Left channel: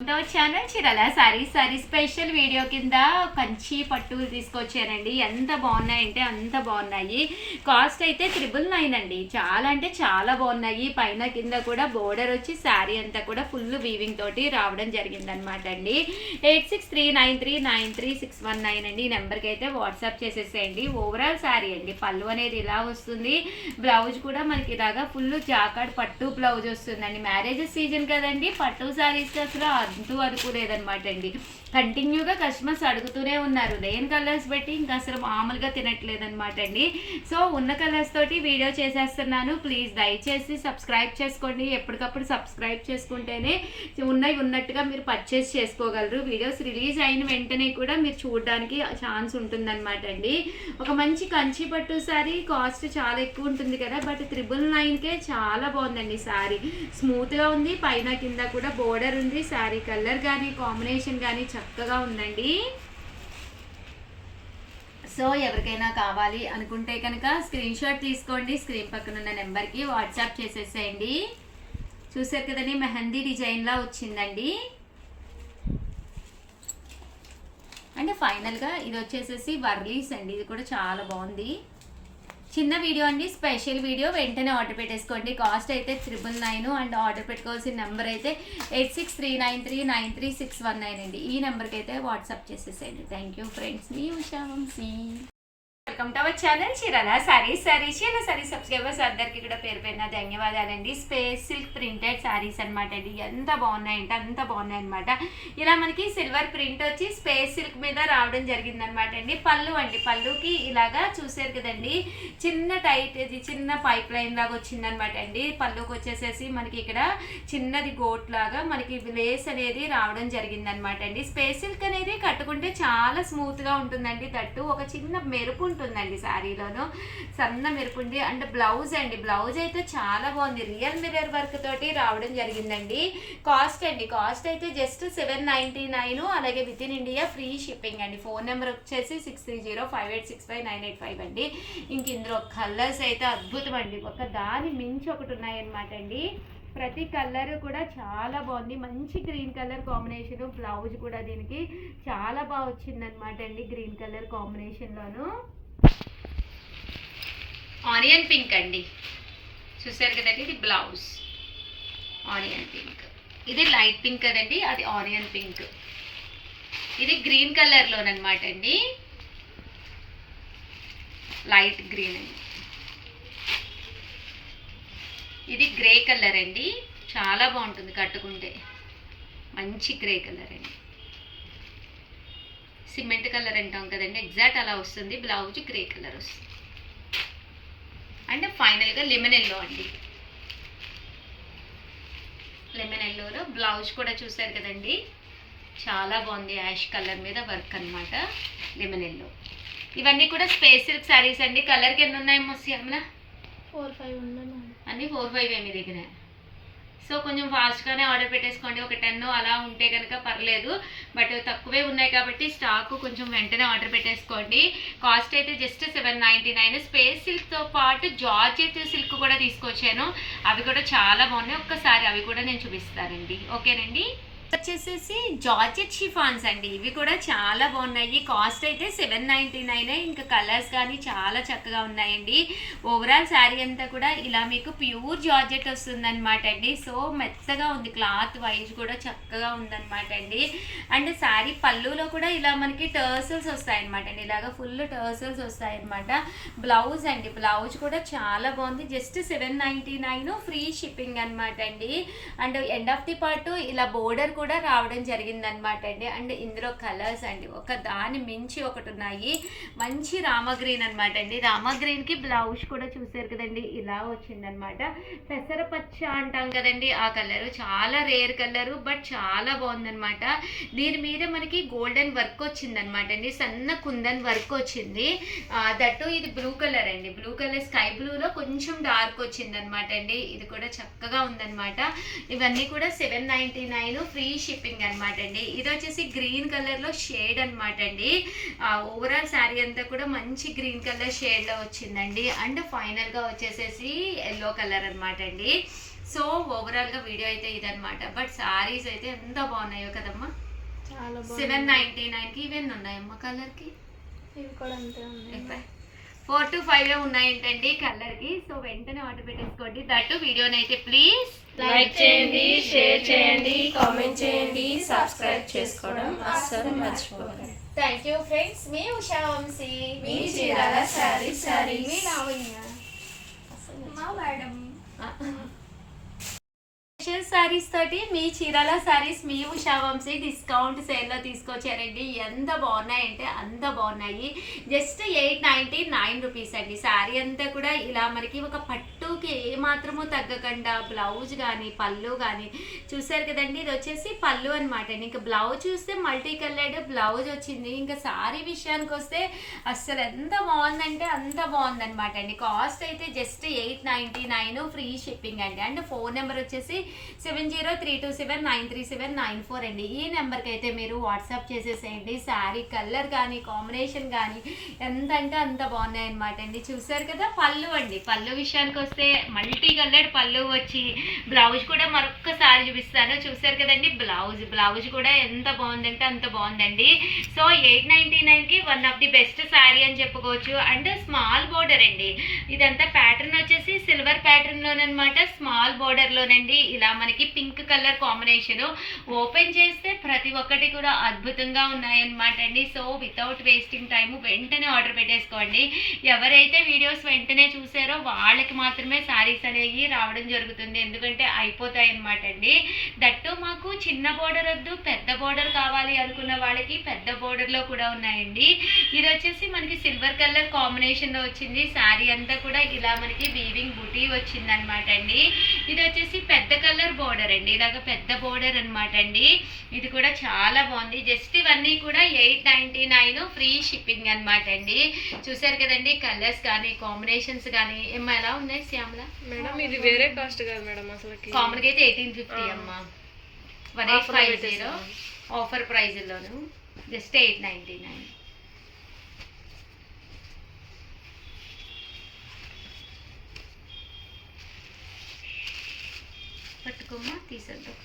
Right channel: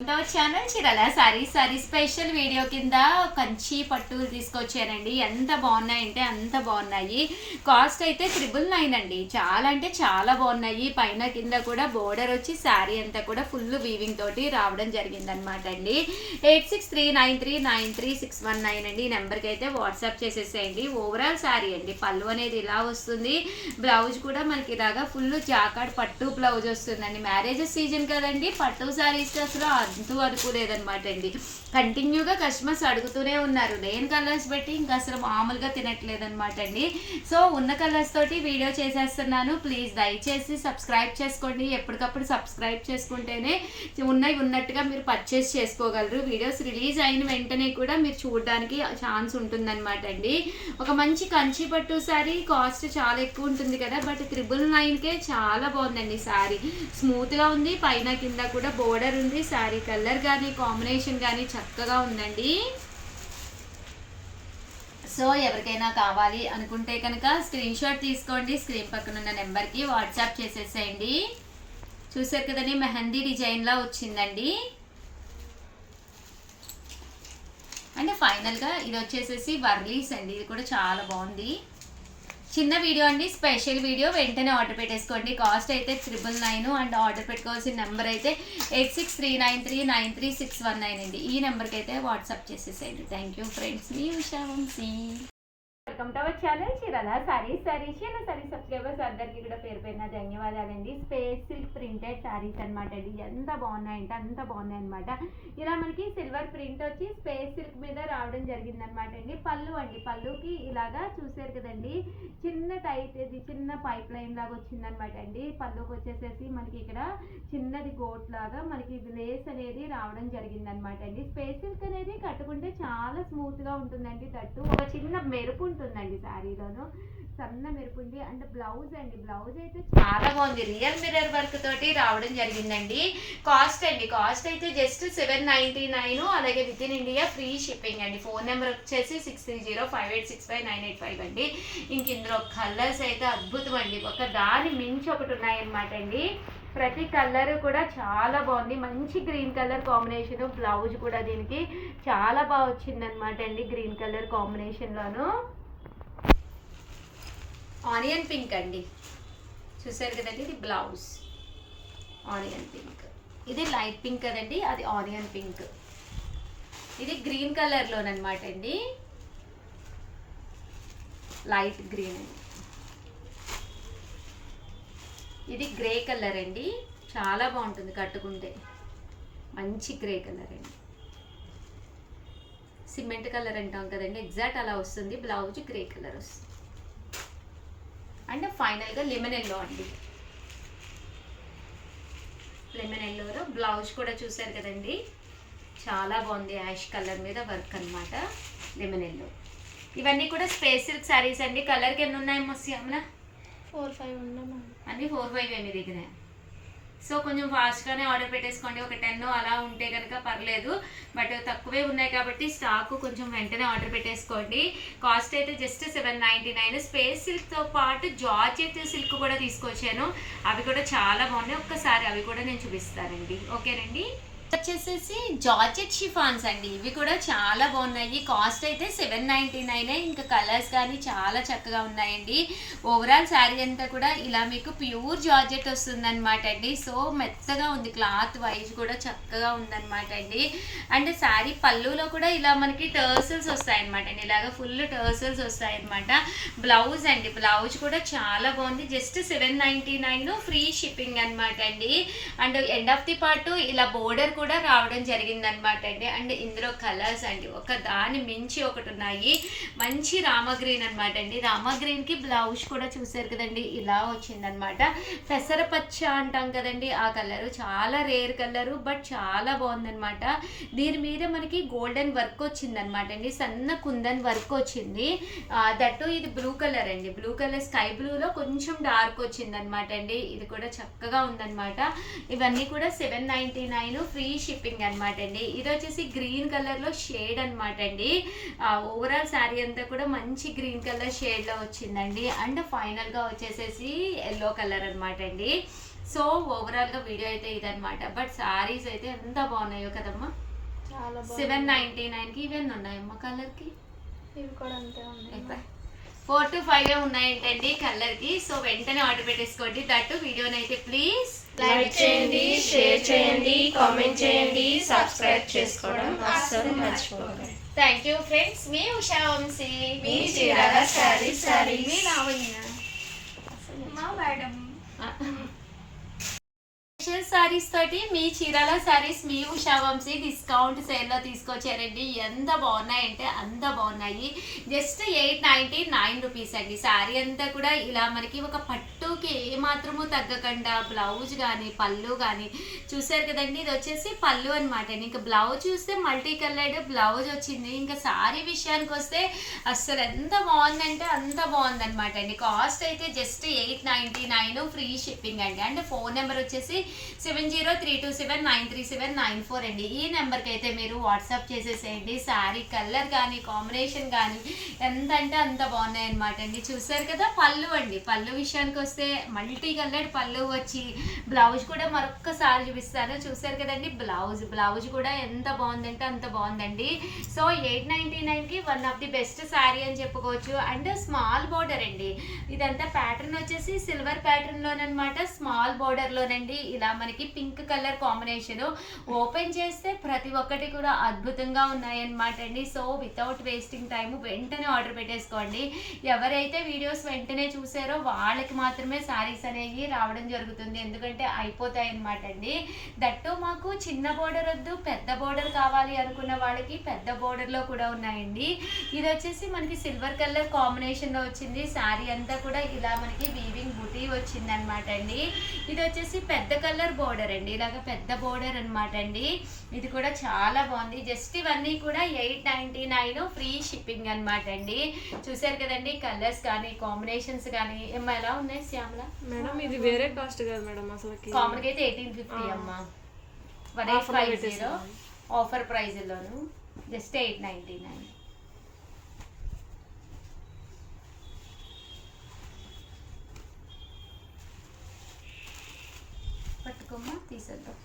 Channel చీరల sorry special video కింద కంచి పట్టులు తీసుకొచ్చానండి. ఎంత బాగున్నాయంటే అంత బాగున్నాయి. కాస్ట్ అయితే 999 అండి. చాలా అంటే చాలా బాగున్నాయి. పైన కింద కూడా బోర్డర్ వచ్చి శారీ అంతా కూడా ఫుల్ వీవింగ్ తోటి రావడం జరిగింది అనమాట అండి. 8639393619 అండి. ఈ నెంబర్కి అయితే వాట్సాప్ చేసేసేయండి. ఓవరాల్ శారీ అండి. పళ్ళు అనేది ఇలా వస్తుంది. బ్లౌజ్ కూడా మనకి ఇలాగా ఫుల్ జాకాడ్ పట్టు బ్లౌజ్ వస్తుందండి. మ్యారేజెస్ సీజన్ కదండి, పట్టు శారీస్ అసలు అంతూ అనుకోలేదనమాట అండి. కంటిన్యూగా కస్టమర్స్ అడుగుతూనే ఉన్నారు. లేని కలర్స్ పెట్టి ఇంకా అసలు మామూలుగా తినట్లేదనమాట అండి. సో ఉన్న కలర్స్ తోటి వీడియో చేసేస్తున్నాను. ప్లీజ్ దయచేసి సబ్స్క్రైబ్ చేసుకోండి. ఎప్పటికప్పుడు సబ్స్క్రైబ్ చేసుకుంటేనే ఉన్నట్టుగా మీరు పర్చేస్ చేసుకోగలరు. వీడియోస్ రిలీజ్ అయిన వెంటనే కూడా మీరు చూడడానికి ఛాన్స్ ఉంటుందన్నమాట అండి. ఒక మంచి కంచి పట్టు శారీ కాస్ట్ చాలా ఎక్కువ ఉంటుంది కదా, బట్ 999కే చాలా బాగుందండి. శారీ స్మూత్గా ఉంది. పైన కింద కూడా బోర్డర్ ఉంది. శారీ కలర్ కానీ కాంబినేషన్ కానీ చక్కగా ఉందండి. సో ఎవరికైనా కావాలి అనుకుంటే కనుక స్క్రీన్ షాట్ తీసుకోండి. స్క్రీన్ పక్కన ఉన్న నెంబర్కి వాట్సాప్ చేసేసేయండి. చూసారు కదండి, మెహందీ డిజైన్లా వచ్చిందండి. అంటే ఫైనల్గా ఇది వచ్చేసేసి వర్లీస్ అండి. ఇది కూడా చాలా బాగుంది. చిన్న వీడియో అండి, స్పెషల్ వీడియో. వెంటనే ఆర్డర్ పెట్టేసుకోండి. కాస్ట్ అయితే 999 అండ్ ఆర్డర్ పెట్టుకోవాల్సిన నెంబర్ అయితే 8639393619 అండి. ఈ నెంబర్కి అయితే వాట్సాప్ చేసేసేయండి. థ్యాంక్ యూ ఫ్రెండ్స్, మీ Usha Vamshi. Welcome to our channel చీరల సారీస్ సబ్స్క్రైబర్స్ అందరికీ కూడా పేరు పేరున ధన్యవాదాలండి. స్పేస్ సిల్క్ ప్రింటెడ్ శారీస్ అనమాట అండి. ఎంత బాగున్నాయంటే అంత బాగున్నాయి అనమాట. ఇలా మనకి సిల్వర్ ప్రింట్ వచ్చి స్పేస్ సిల్క్ మీద రావడం జరిగింది అనమాట అండి. పళ్ళు అండి, పళ్ళుకి ఇలాగా చూసారు కదండి, చిన్న టైట్ ఇది చిన్న పైప్ లైన్ లాగా వచ్చిందనమాట అండి. పళ్ళుకి వచ్చేసేసి మనకి ఇక్కడ చిన్నది గోట్ లాగా మనకి లేస్ అనేది రావడం జరిగింది అనమాట అండి. స్పేస్ సిల్క్ అనేది కట్టుకుంటే చాలా స్మూత్గా ఉంటుందండి. తట్టు ఒక చిన్న మెరుపు ఉంటుందండి శారీలోను, సన్న మెరుపుండి. అండ్ బ్లౌజ్ అండి, బ్లౌజ్ అయితే చాలా బాగుంది. రియల్ మిర్రర్ వర్క్ తోటి రావడం జరిగిందండి. కాస్ట్ అండి, కాస్ట్ అయితే జస్ట్ 799. అలాగే with in India free shipping అండి. ఫోన్ నెంబర్ వచ్చేసి 6305865985 అండి. ఇంక ఇందులో కలర్స్ అయితే అద్భుతం అండి. ఒక దాని మించి ఒకటి ఉన్నాయన్నమాట అండి. ప్రతి కలర్ కూడా చాలా బాగుంది. మంచి గ్రీన్ కలర్ కాంబినేషన్. బ్లౌజ్ కూడా దీనికి చాలా బాగా వచ్చిందనమాట అండి. గ్రీన్ కలర్ కాంబినేషన్లోను ఆనియన్ పింక్ అండి. చూసారు కదండి, ఇది బ్లౌజ్ ఆనియన్ పింక్. ఇది లైట్ పింక్ కదండి, అది ఆనియన్ పింక్. ఇది గ్రీన్ కలర్లోనమాట అండి, లైట్ గ్రీన్ అండి. ఇది గ్రే కలర్ అండి, చాలా బాగుంటుంది కట్టుకుంటే. మంచి గ్రే కలర్ అండి, సిమెంట్ కలర్ అంటాం కదండి, ఎగ్జాక్ట్ అలా వస్తుంది. బ్లౌజ్ గ్రే కలర్ వస్తుంది. అండ్ ఫైనల్గా లెమన్ ఎల్లో అండి. లెమన్ ఎల్లోలో బ్లౌజ్ కూడా చూసారు కదండి, చాలా బాగుంది. యాష్ కలర్ మీద వర్క్ అనమాట, లెమన్ ఎల్లో. ఇవన్నీ కూడా స్పేస్ సిల్క్ శారీస్ అండి. కలర్కి ఎన్ని ఉన్నాయి శ్యామల? 4-5 ఉన్నాయి అన్నీ 4-5 మీ దగ్గర. సో కొంచెం ఫాస్ట్గానే ఆర్డర్ పెట్టేసుకోండి. ఒక 10 అలా ఉంటే కనుక పర్లేదు, బట్ తక్కువే ఉన్నాయి కాబట్టి స్టాక్ కొంచెం వెంటనే ఆర్డర్ పెట్టేసుకోండి. కాస్ట్ అయితే జస్ట్ 799. స్పేస్ సిల్క్తో పాటు జార్జెట్ సిల్క్ కూడా తీసుకొచ్చాను. అవి కూడా చాలా బాగున్నాయి. ఒక్కసారి అవి కూడా నేను చూపిస్తానండి. ఓకేనండి. వచ్చేసేసి జార్జెట్ షిఫాన్స్ అండి. ఇవి కూడా చాలా బాగున్నాయి. కాస్ట్ అయితే 799. ఇంకా కలర్స్ కానీ చాలా చక్కగా ఉన్నాయండి. ఓవరాల్ శారీ అంతా కూడా ఇలా మీకు ప్యూర్ జార్జెట్ వస్తుందన్నమాట అండి. సో మెత్తగా ఉంది, క్లాత్ వైజ్ కూడా చక్కగా ఉందన్నమాట అండి. అండ్ శారీ పళ్ళులో కూడా ఇలా మనకి టర్సల్స్ వస్తాయన్నమాట అండి. ఇలాగ ఫుల్ టర్సల్స్ వస్తాయన్నమాట. బ్లౌజ్ అండి, బ్లౌజ్ కూడా చాలా బాగుంది. జస్ట్ 799, ఫ్రీ షిప్పింగ్ అనమాట అండి. And end of the part ఇలా బోర్డర్ కూడా రావడం జరిగిందనమాట అండి. అండ్ ఇందులో కలర్స్ అండి ఒక దాని మించి ఒకటి ఉన్నాయి. మంచి రామ గ్రీన్ అనమాట అండి. రామ గ్రీన్కి బ్లౌజ్ కూడా చూసారు కదండి, ఇలా వచ్చిందనమాట. పెసరపచ్చ అంటాం కదండి, ఆ కలరు చాలా రేర్ కలరు, బట్ చాలా బాగుందనమాట. దీని మీద మనకి గోల్డెన్ వర్క్ వచ్చిందనమాట అండి, సన్న కుందన్ వర్క్ వచ్చింది. దట్టు ఇది బ్లూ కలర్ అండి. బ్లూ కలర్ స్కై బ్లూలో కొంచెం డార్క్ వచ్చిందనమాట అండి. ఇది కూడా చక్కగా ఉందనమాట. ఇవన్నీ కూడా 799, ఫ్రీ షిప్పింగ్ అనమాట అండి. ఇది వచ్చేసి గ్రీన్ కలర్లో షేడ్ అనమాట అండి. ఓవరాల్ శారీ అంతా కూడా మంచి గ్రీన్ కలర్ షేడ్లో వచ్చిందండి. అండ్ ఫైనల్గా వచ్చేసేసి ఎల్లో కలర్ అనమాట అండి. సో ఓవరాల్గా వీడియో అయితే ఇదనమాట. బట్ సారీస్ అయితే ఎంత బాగున్నాయో కదమ్మా. చాలా 799కి ఇవన్నీ ఉన్నాయమ్మా కలర్కి. ఇవి కూడా అంతే ఉన్నాయి. 4 to 5 ఉన్నాయంటండి కలర్కి. సో వెంటనే ఆర్డర్ పెట్టేసుకోండి. దట్టు వీడియోని అయితే ప్లీజ్ లైక్ చేయండి, షేర్ చేయండి, కామెంట్ చేయండి, సబ్స్క్రైబ్ చేసుకోవడం అస్సలు మర్చిపోకండి. Thank you friends. మీ ఉషా వంశీ, మీ చీరాల సారీ మీ లావణ్య, మా మేడం. సారీస్ తోటి మీ చీరాల సారీస్ మీ ఉషా వంశీ డిస్కౌంట్ సేల్లో తీసుకొచ్చారండి. ఎంత బాగున్నాయంటే అంత బాగున్నాయి. జస్ట్ 899 రూపీస్ అండి. శారీ అంతా కూడా ఇలా మనకి ఒక పట్టుకి ఏమాత్రము తగ్గకుండా బ్లౌజ్ కానీ పళ్ళు కానీ చూసారు కదండి. ఇది వచ్చేసి పళ్ళు అనమాట. ఇంకా బ్లౌజ్ చూస్తే మల్టీ కలర్డ్ బ్లౌజ్ వచ్చింది. ఇంకా శారీ విషయానికి వస్తే అస్సలు ఎంత బాగుందంటే అంత బాగుందనమాట అండి. కాస్ట్ అయితే జస్ట్ 899 ఫ్రీ షిప్పింగ్ అండి. అండ్ ఫోన్ నెంబర్ వచ్చేసి 7032793794 అండి. ఈ నెంబర్కి అయితే మీరు వాట్సాప్ చేసేసేయండి. శారీ కలర్ కానీ కాంబినేషన్ కానీ ఎంత అంటే అంత బాగున్నాయి అనమాట అండి. చూసారు కదా పళ్ళు అండి. పళ్ళు విషయానికి వస్తే మల్టీ కలర్డ్ పళ్ళు వచ్చి బ్లౌజ్ కూడా మరొక్కసారి చూపిస్తాను. చూసారు కదండి బ్లౌజ్ కూడా ఎంత బాగుందంటే అంత బాగుందండి. సో 899కి one of the best sari అని చెప్పుకోవచ్చు. అండ్ స్మాల్ బోర్డర్ అండి. ఇదంతా ప్యాటర్న్ వచ్చేసి సిల్వర్ ప్యాటర్న్లోనమాట. స్మాల్ బోర్డర్లోనండి. ఇలా మనకి పింక్ కలర్ కాంబినేషన్. ఓపెన్ చేస్తే ప్రతి ఒక్కటి కూడా అద్భుతంగా ఉన్నాయన్నమాట అండి. సో వితౌట్ వేస్టింగ్ టైం వెంటనే ఆర్డర్ పెట్టేసుకోండి. ఎవరైతే వీడియోస్ వెంటనే చూసారో వాళ్ళకి మాత్రమే శారీస్ అనేవి రావడం జరుగుతుంది. ఎందుకంటే అయిపోతాయి అనమాట అండి. దట్టు మాకు చిన్న బోర్డర్ వద్దు పెద్ద బోర్డర్ కావాలి అనుకున్న వాళ్ళకి పెద్ద బోర్డర్లో కూడా ఉన్నాయండి. ఇది వచ్చేసి మనకి సిల్వర్ కలర్ కాంబినేషన్లో వచ్చింది. శారీ అంతా కూడా ఇలా మనకి వీవింగ్ బుటీ వచ్చింది అనమాట అండి. ఇది వచ్చేసి పెద్ద కలర్ బోర్డర్ అండి. ఇలాగ పెద్ద బోర్డర్ అనమాట అండి. ఇది కూడా చాలా బాగుంది. జస్ట్ ఇవన్నీ కూడా 899 ఫ్రీ షిప్పింగ్ అనమాట అండి. చూసారు కదండి కలర్స్ కానీ కాంబినేషన్స్ కానీ ఏమో ఎలా ఉన్నాయి శ్యామల మేడం? ఇది వేరే కాస్ట్ కదా మేడం అసలు? కామన్గా అయితే 1850 అమ్మ. 1850 ఆఫర్ ప్రైజ్లోను జస్ట్ 899. పట్టుకోమ్మా తీసేద్దాం.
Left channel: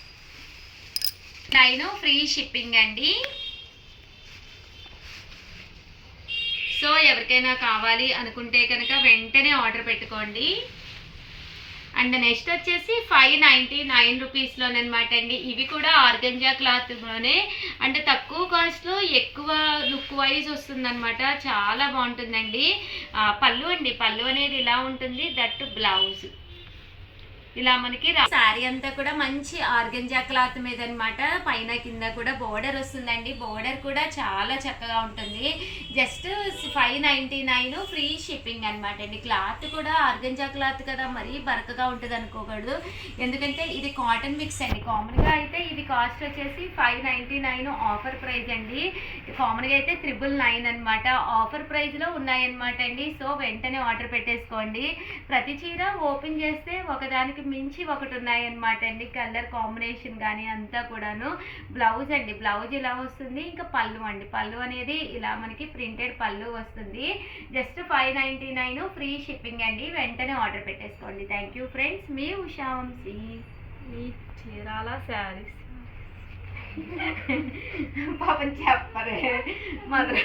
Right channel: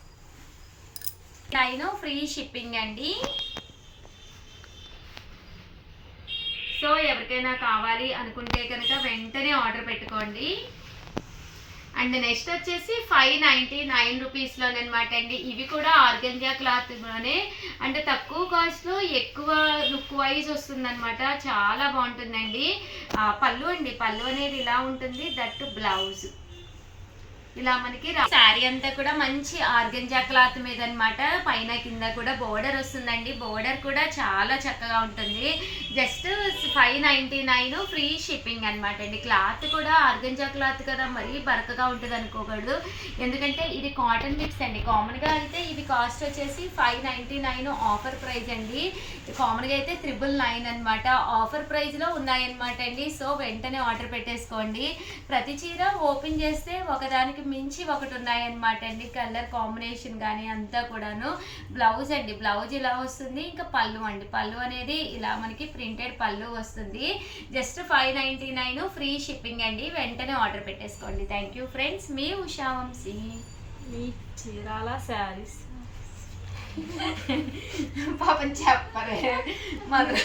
9 ఫ్రీ షిప్పింగ్ అండి. సో ఎవరికైనా కావాలి అనుకుంటే కనుక వెంటనే ఆర్డర్ పెట్టుకోండి. అండ్ నెక్స్ట్ వచ్చేసి 599 రూపీస్లోనమాట అండి. ఇవి కూడా ఆర్గంజా క్లాత్లోనే అంటే తక్కువ కాస్ట్లో ఎక్కువ లుక్ వైజ్ వస్తుందన్నమాట. చాలా బాగుంటుందండి. పళ్ళు అండి. పళ్ళు అనేది ఇలా ఉంటుంది. దట్టు బ్లౌజ్ ఇలా మనకి శారీ అంతా కూడా మంచి ఆర్గంజా క్లాత్ మీద అనమాట. పైన కింద కూడా బోర్డర్ వస్తుందండి. బోర్డర్ కూడా చాలా చక్కగా ఉంటుంది. జస్ట్ 599 ఫ్రీ షిప్పింగ్ అనమాట అండి. క్లాత్ కూడా ఆర్గంజా క్లాత్ కదా మరీ బరకగా ఉంటుంది అనుకోకూడదు. ఎందుకంటే ఇది కాటన్ మిక్స్ అండి. కామన్గా అయితే ఇది కాస్ట్ వచ్చేసి 599 ఆఫర్ ప్రైస్ అండి. కామన్గా అయితే 999 అనమాట. ఆఫర్ ప్రైస్లో ఉన్నాయన్నమాట అండి. సో వెంటనే ఆర్డర్ పెట్టేసుకోండి. ప్రతి చీర ఓపెన్ చేస్తే ఒకదానికి మించి ఒకటి ఉన్నాయన్నమాట అండి. కలర్ కాంబినేషన్ కానీ అంతా కూడాను. బ్లౌజ్ అండి. బ్లౌజ్ ఇలా వస్తుంది. ఇంకా పళ్ళు అండి. పళ్ళు అనేది ఇలా మనకి ప్రింటెడ్ పళ్ళు వస్తుంది. జస్ట్ 599 ఫ్రీ షిప్పింగ్ అండి. వెంటనే ఆర్డర్ పెట్టేసుకోండి. Thank you friends. మీ ఉషా వంశీ, మీ చీరాల శారీస్. పాపం చెప్పరే మధుర.